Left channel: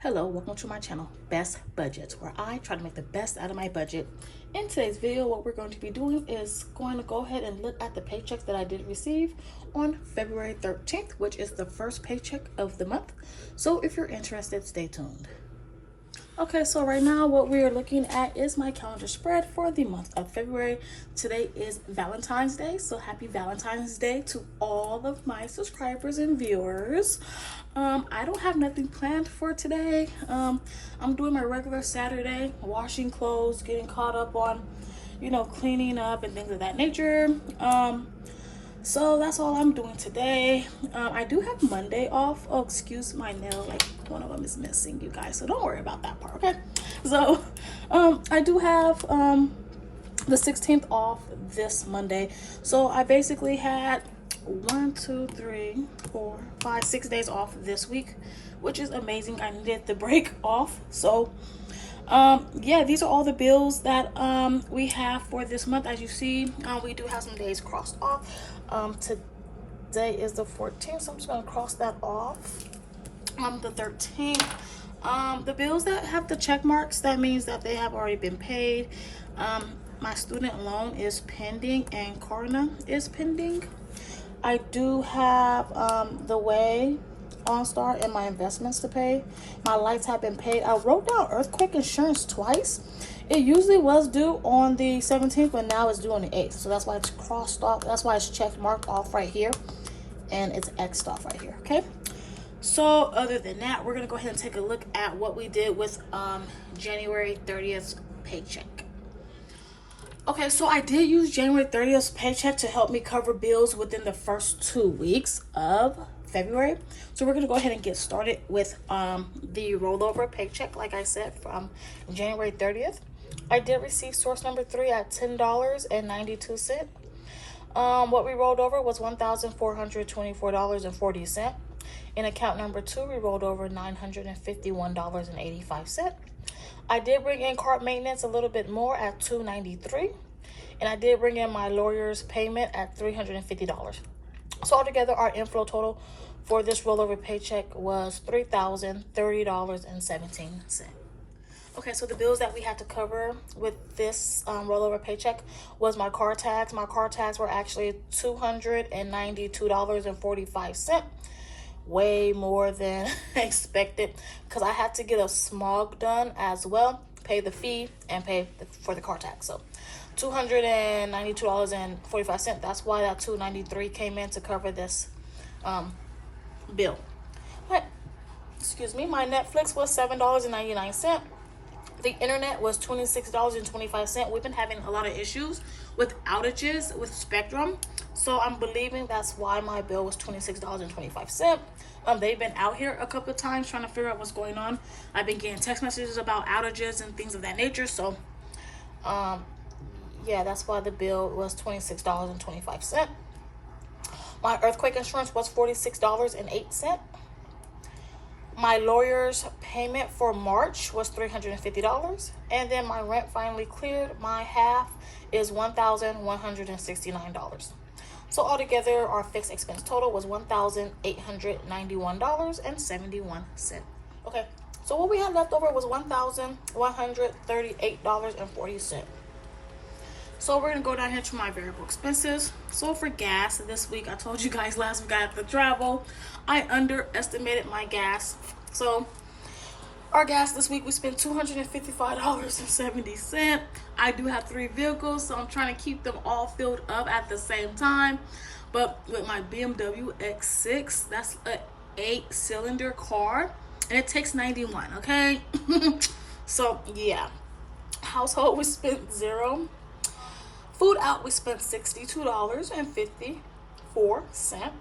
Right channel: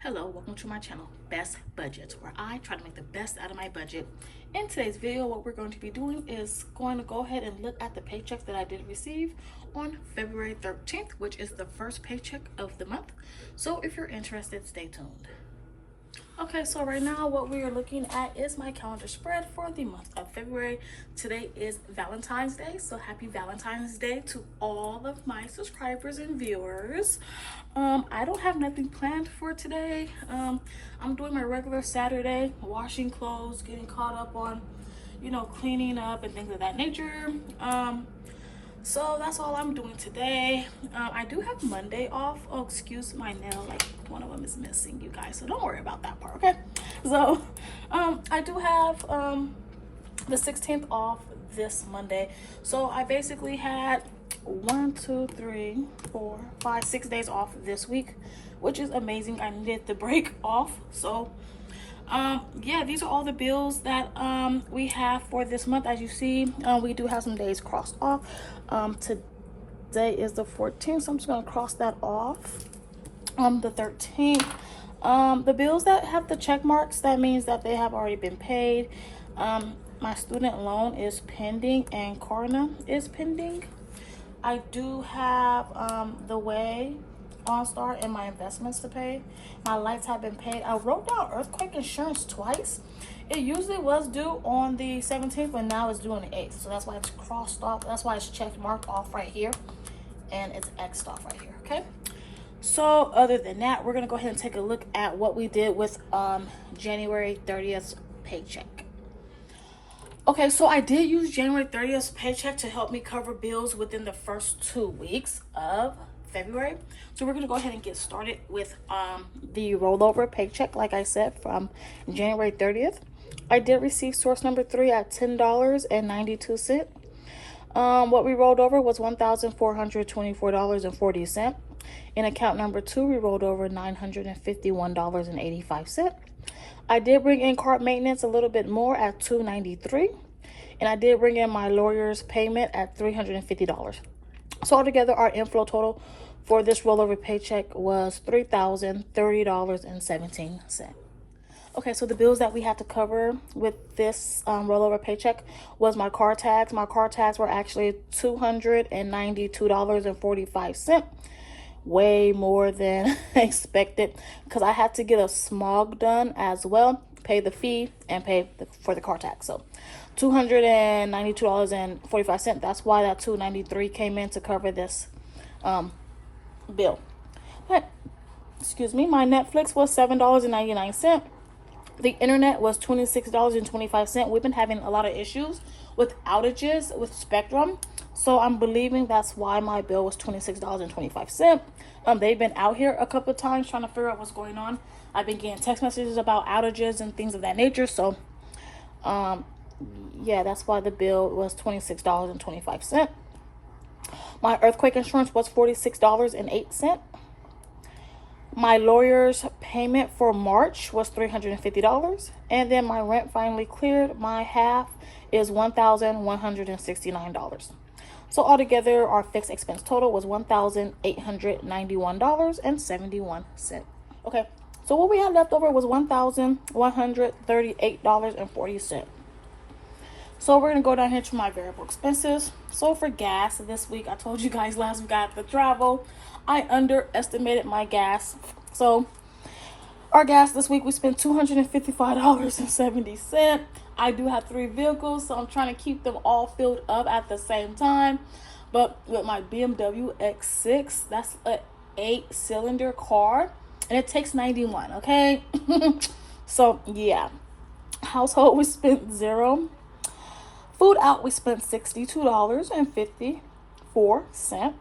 Hello, welcome to my channel, Best Budgets, where I try to make the best out of my budget. In today's video, what we're going to be doing is going to go ahead and look at the paychecks that I did receive on February 13th, which is the first paycheck of the month. So if you're interested, stay tuned. Okay, so right now what we are looking at is my calendar spread for the month of February. Today is Valentine's Day, so happy Valentine's Day to all of my subscribers and viewers. I don't have nothing planned for today. I'm doing my regular Saturday, washing clothes, getting caught up on, cleaning up and things of that nature. So that's all I'm doing today. I do have Monday off. Oh, excuse my nail, like one of them is missing, you guys, so don't worry about that part, okay? So I do have the 16th off this Monday. So I basically had 6 days off this week, which is amazing. I needed the break off. So yeah, these are all the bills that we have for this month. As you see, we do have some days crossed off. Today is the 14th, so I'm just gonna cross that off. The 13th, the bills that have the check marks, that means that they have already been paid. My student loan is pending and Klarna is pending. I do have the Way, OnStar, and my investments to pay. My lights have been paid. I wrote down earthquake insurance twice. It usually was due on the 17th, but now it's due on the 8th. So that's why it's crossed off. That's why it's checked marked off right here, and it's X'd off right here, okay? So other than that, we're gonna go ahead and take a look at what we did with January 30th paycheck. Okay, so I did use January 30th paycheck to help me cover bills within the first 2 weeks of February. So we're gonna go ahead and get started with the rollover paycheck, like I said, from January 30th. I did receive source number 3 at $10.92. What we rolled over was $1,424.40. In account number 2, we rolled over $951.85. I did bring in card maintenance a little bit more at $293, and I did bring in my lawyer's payment at $350. So altogether, our inflow total for this rollover paycheck was $3,030.17. Okay, so the bills that we had to cover with this rollover paycheck was my car tags. My car tags were actually $292.45. Way more than expected because I had to get a smog done as well, pay the fee and pay for the car tax. So $292.45. That's why that $293 came in to cover this bill. But, excuse me, my Netflix was $7.99. The internet was $26.25. We've been having a lot of issues with outages with Spectrum, so I'm believing that's why my bill was $26.25. They've been out here a couple of times trying to figure out what's going on. I've been getting text messages about outages and things of that nature. So yeah, that's why the bill was $26.25. My earthquake insurance was $46.08. My lawyer's payment for March was $350. And then my rent finally cleared. My half is $1,169. So altogether, our fixed expense total was $1,891.71. Okay, so what we had left over was $1,138.40. So we're gonna go down here to my variable expenses. So for gas this week, I told you guys last week I had to travel. I underestimated my gas. So our gas this week, we spent $255.70. I do have 3 vehicles, so I'm trying to keep them all filled up at the same time. But with my BMW X6, that's an 8-cylinder car, and it takes 91, okay? So yeah, household, we spent 0. Food out, we spent $62.54.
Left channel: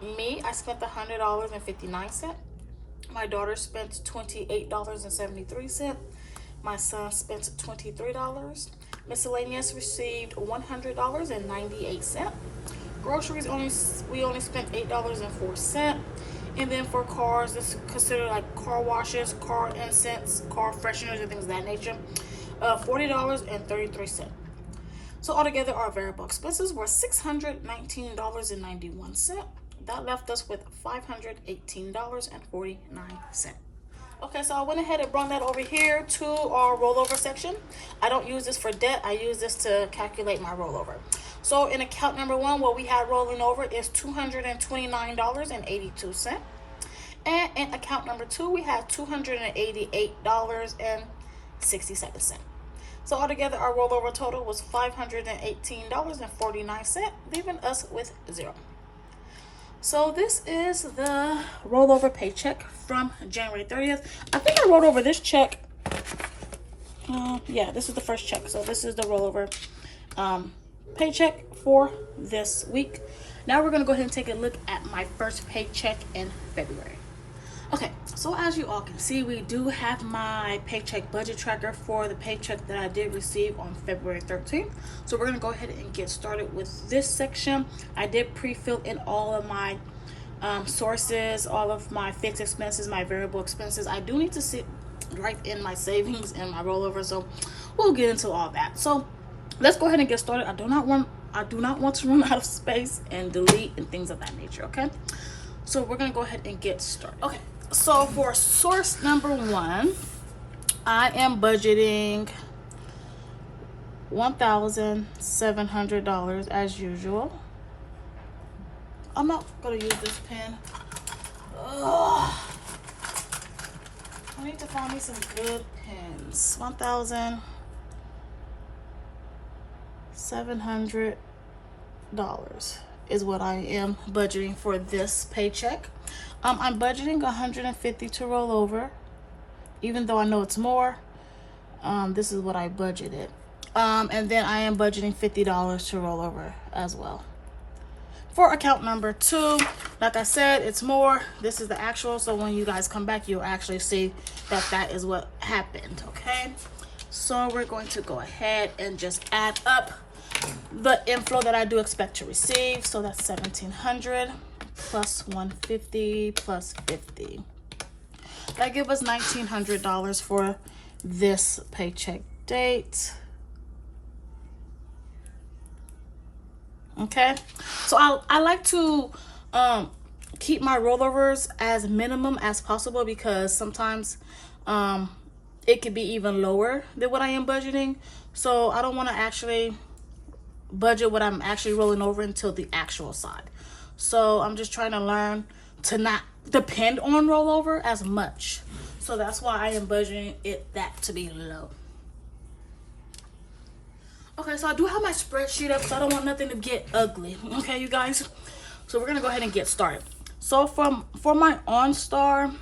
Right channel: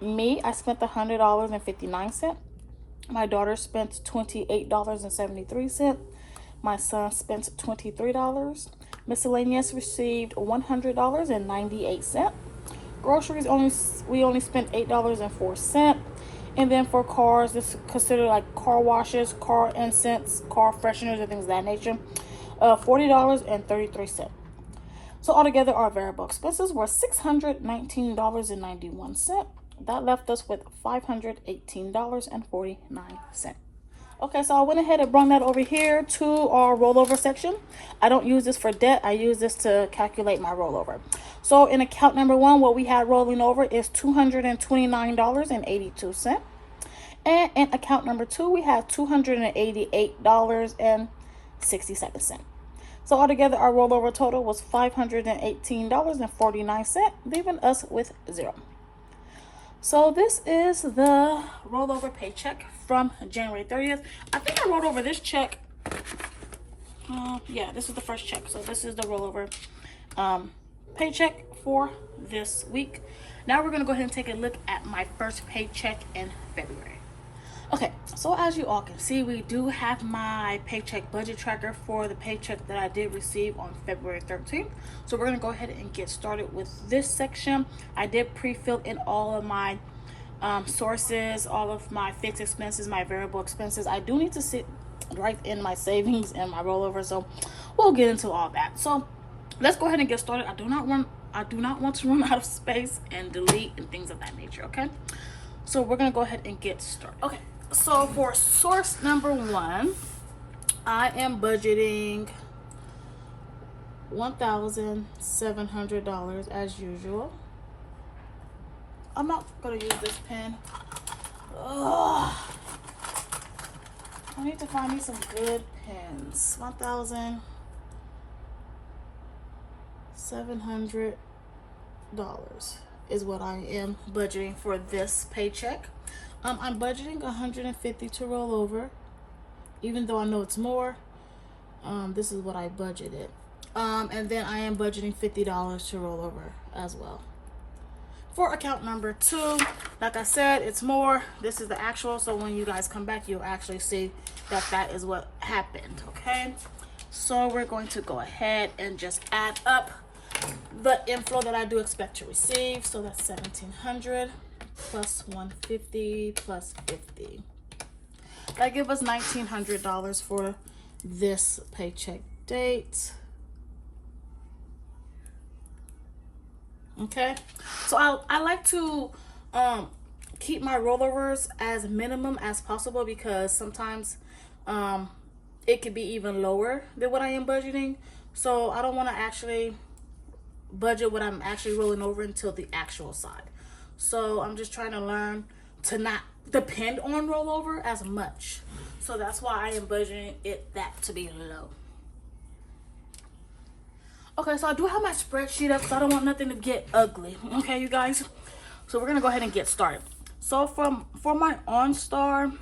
Me, I spent $100.59. My daughter spent $28.73. My son spent $23. Miscellaneous received $100.98. Groceries, we only spent $8.04. And then for cars, this is considered like car washes, car incense, car fresheners, and things of that nature, $40.33. So altogether, our variable expenses were $619.91. That left us with $518.49. Okay, so I went ahead and brought that over here to our rollover section. I don't use this for debt. I use this to calculate my rollover. So in account number 1, what we had rolling over is $229.82. And in account number 2, we had $288.67. So altogether, our rollover total was $518.49, leaving us with zero. So this is the rollover paycheck from January 30th. I think I rolled over this check. Yeah, this is the first check. So this is the rollover paycheck for this week. Now we're going to go ahead and take a look at my first paycheck in February. Okay, so as you all can see, we do have my paycheck budget tracker for the paycheck that I did receive on February 13th. So we're going to go ahead and get started with this section. I did pre-fill in all of my sources, all of my fixed expenses, my variable expenses. I do need to sit right in my savings and my rollover, so we'll get into all that. So let's go ahead and get started. I do not want to run out of space and delete and things of that nature, okay? So we're going to go ahead and get started. Okay. So for source number 1, I am budgeting $1,700 as usual. I'm not gonna use this pen. Ugh. I need to find me some good pens. $1,700 is what I am budgeting for this paycheck. I'm budgeting $150 to roll over, even though I know it's more. This is what I budgeted. And then I am budgeting $50 to roll over as well. For account number 2, like I said, it's more. This is the actual, so when you guys come back, you'll actually see that that is what happened, okay? So we're going to go ahead and just add up the inflow that I do expect to receive. So that's $1,700 plus $150 plus $50. That gives us $1,900 for this paycheck date. Okay, so I like to keep my rollovers as minimum as possible, because sometimes it could be even lower than what I am budgeting. So I don't want to actually budget what I'm actually rolling over until the actual side. So I'm just trying to learn to not depend on rollover as much. So that's why I am budgeting that to be low. Okay, so I do have my spreadsheet up, so I don't want nothing to get ugly. Okay, you guys? So we're gonna go ahead and get started. So for my OnStar,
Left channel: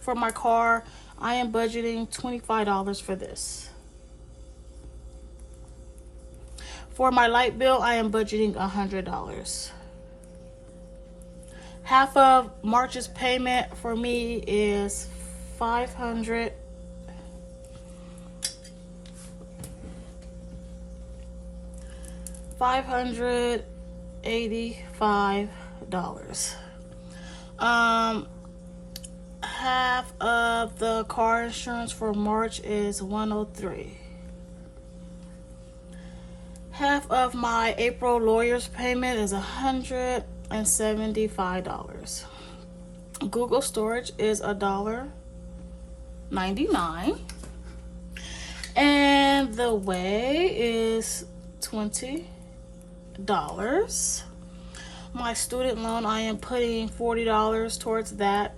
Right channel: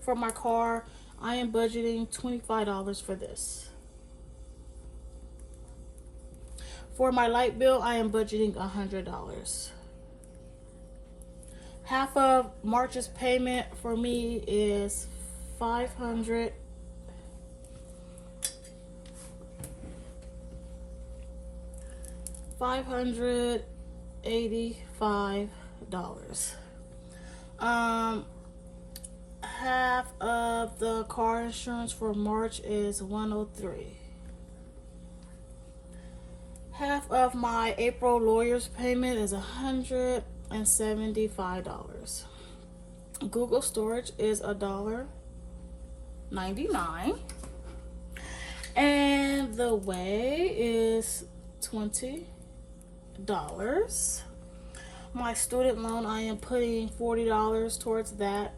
for my car, I am budgeting $25 for this. For my light bill, I am budgeting $100. Half of March's payment for me is $585. Half of the car insurance for March is $103. Half of my April lawyer's payment is $175. Google storage is $1.99. And the way is $20. My student loan, I am putting $40 towards that.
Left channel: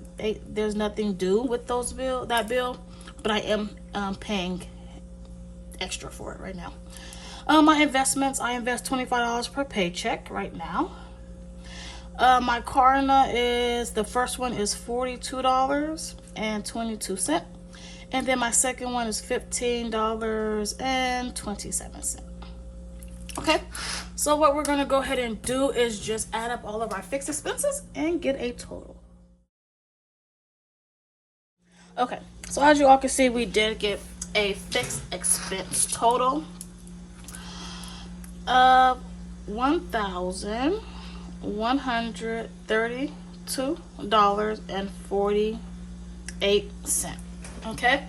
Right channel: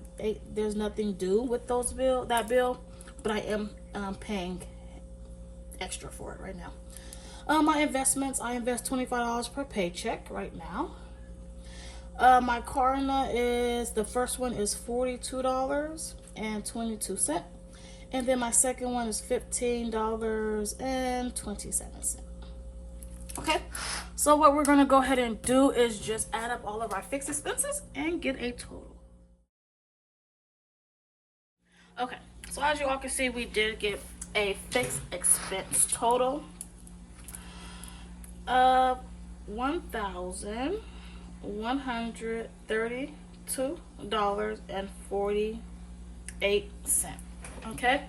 There's nothing due with that bill, but I am paying extra for it right now. My investments, I invest $25 per paycheck right now. My Klarna is, the first one is $42.22. And then my second one is $15.27. Okay, so what we're going to go ahead and do is just add up all of our fixed expenses and get a total. Okay, so as you all can see, we did get a fixed expense total of $132.48. Okay,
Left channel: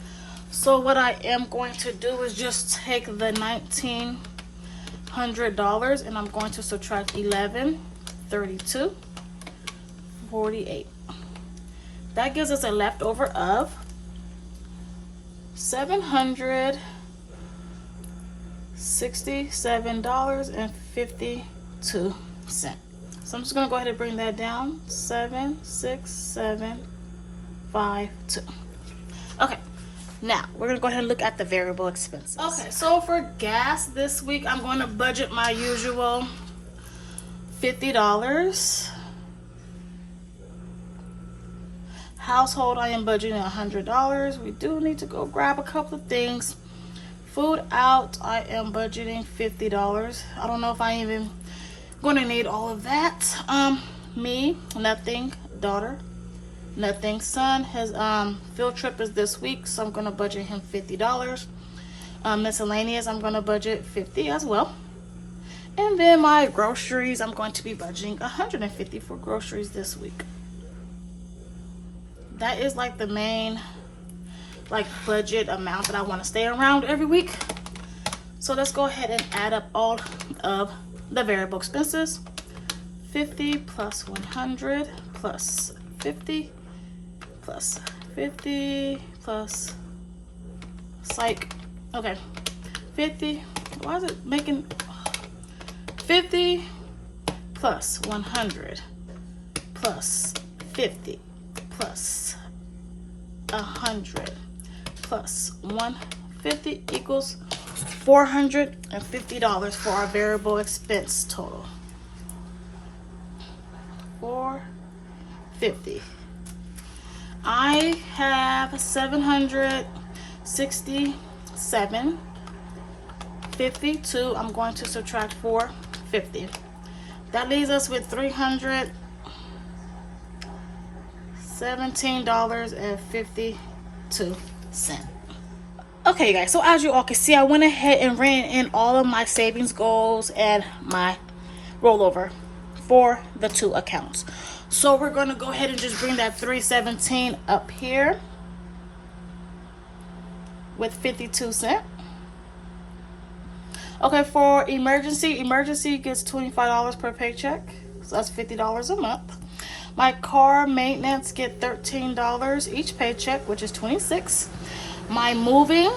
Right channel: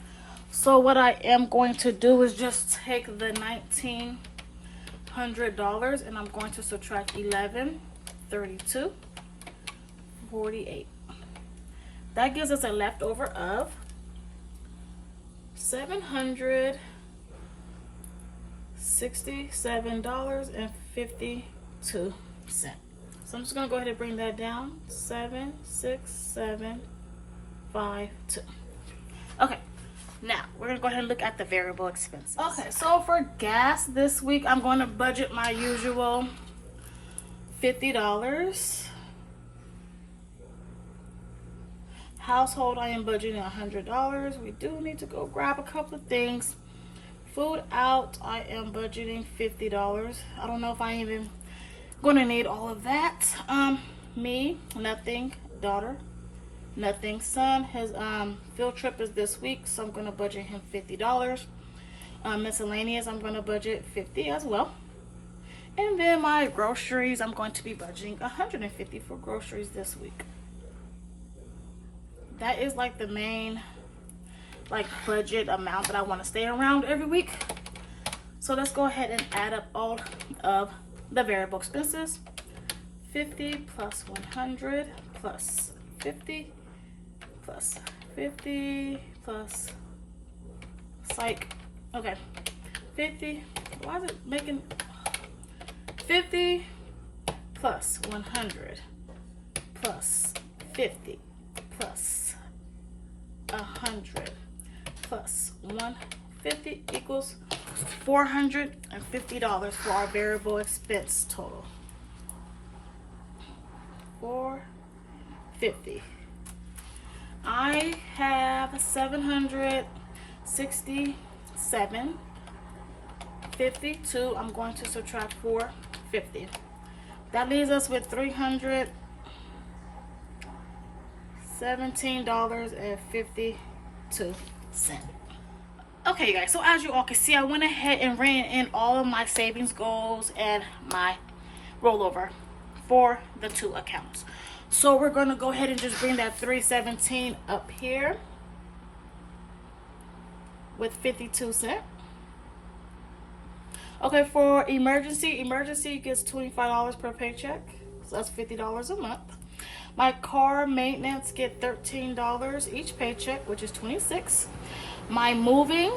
so what I am going to do is just take the $1,900 and I'm going to subtract 11, 32, 48. That gives us a leftover of $767.52. So I'm just gonna go ahead and bring that down. 76752. Okay, now we're gonna go ahead and look at the variable expenses. Okay, so for gas this week, I'm going to budget my usual $50. Household, I am budgeting $100. We do need to go grab a couple of things. Food out, I am budgeting $50. I don't know if I even going to need all of that. Me, nothing. Daughter, nothing. Son, his field trip is this week, so I'm going to budget him $50. Miscellaneous, I'm going to budget $50 as well. And then my groceries, I'm going to be budgeting $150 for groceries this week. That is like the main budget amount that I want to stay around every week. So let's go ahead and add up all of the variable expenses. 50 plus 100 plus 50 plus 50 plus psych. Okay, 50. Why is it making 50 plus 100 plus 50 plus 100 plus 150 equals $450 for our variable expense total. 450. I have 767.52. I'm going to subtract 450. That leaves us with $317.52. Okay, guys, so as you all can see, I went ahead and ran in all of my savings goals and my rollover for the two accounts. So we're going to go ahead and just bring that 317 up here with 52 cents. Okay, for emergency gets $25 per paycheck, so that's $50 a month. My car maintenance get $13 each paycheck, which is $26. My moving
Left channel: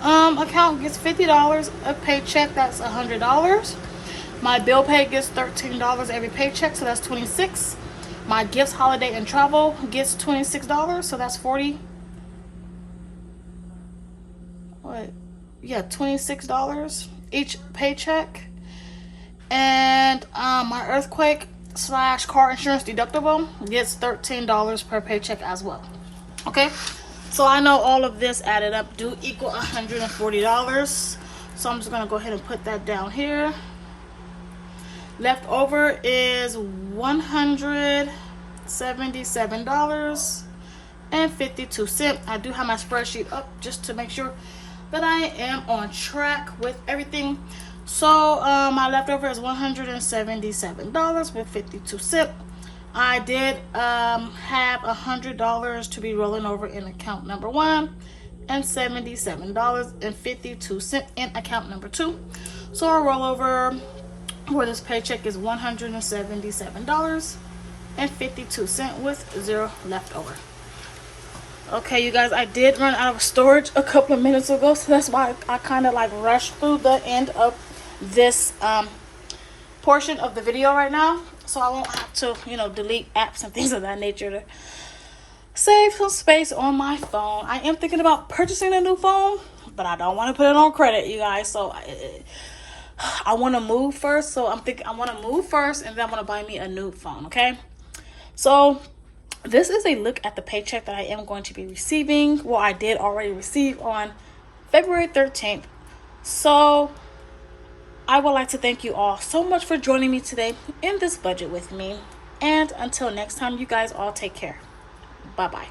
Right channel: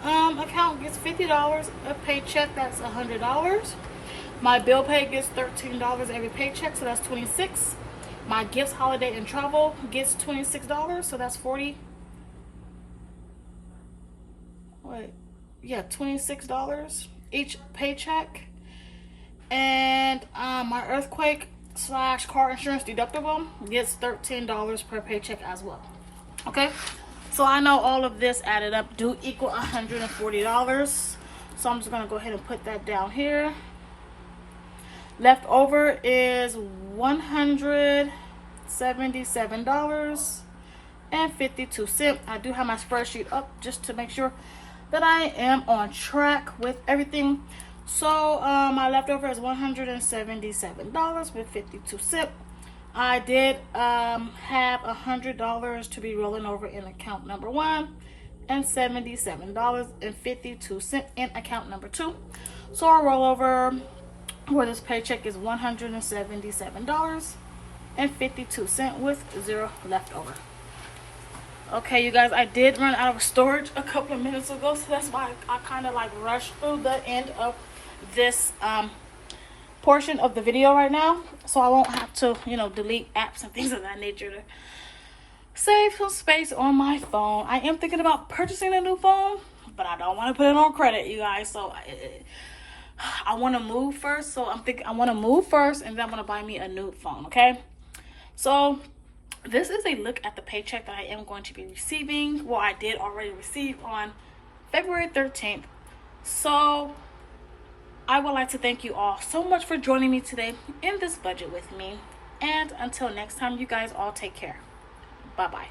account gets $50 a paycheck, that's $100. My bill pay gets $13 every paycheck, so that's $26. My gifts, holiday, and travel gets $26, so that's $26 each paycheck. And my earthquake / car insurance deductible gets $13 per paycheck as well. Okay, so I know all of this added up do equal $140. So I'm just gonna go ahead and put that down here. Left over is $177.52. I do have my spreadsheet up just to make sure that I am on track with everything. So my leftover is $177.52. I did have $100 to be rolling over in account number 1 and $77.52 in account number 2. So our rollover for this paycheck is $177.52 with 0 left over. Okay, you guys, I did run out of storage a couple of minutes ago, so that's why I kind of rushed through the end of this portion of the video right now, so I won't have to delete apps and things of that nature to save some space on my phone. I am thinking about purchasing a new phone, but I don't want to put it on credit, you guys. So I want to move first. So I'm thinking I want to move first, and then I'm going to buy me a new phone. Okay, so this is a look at the paycheck that I am going to be receiving. Well, I did already receive on February 13th. So I would like to thank you all so much for joining me today in this budget with me. And until next time, you guys all take care. Bye-bye.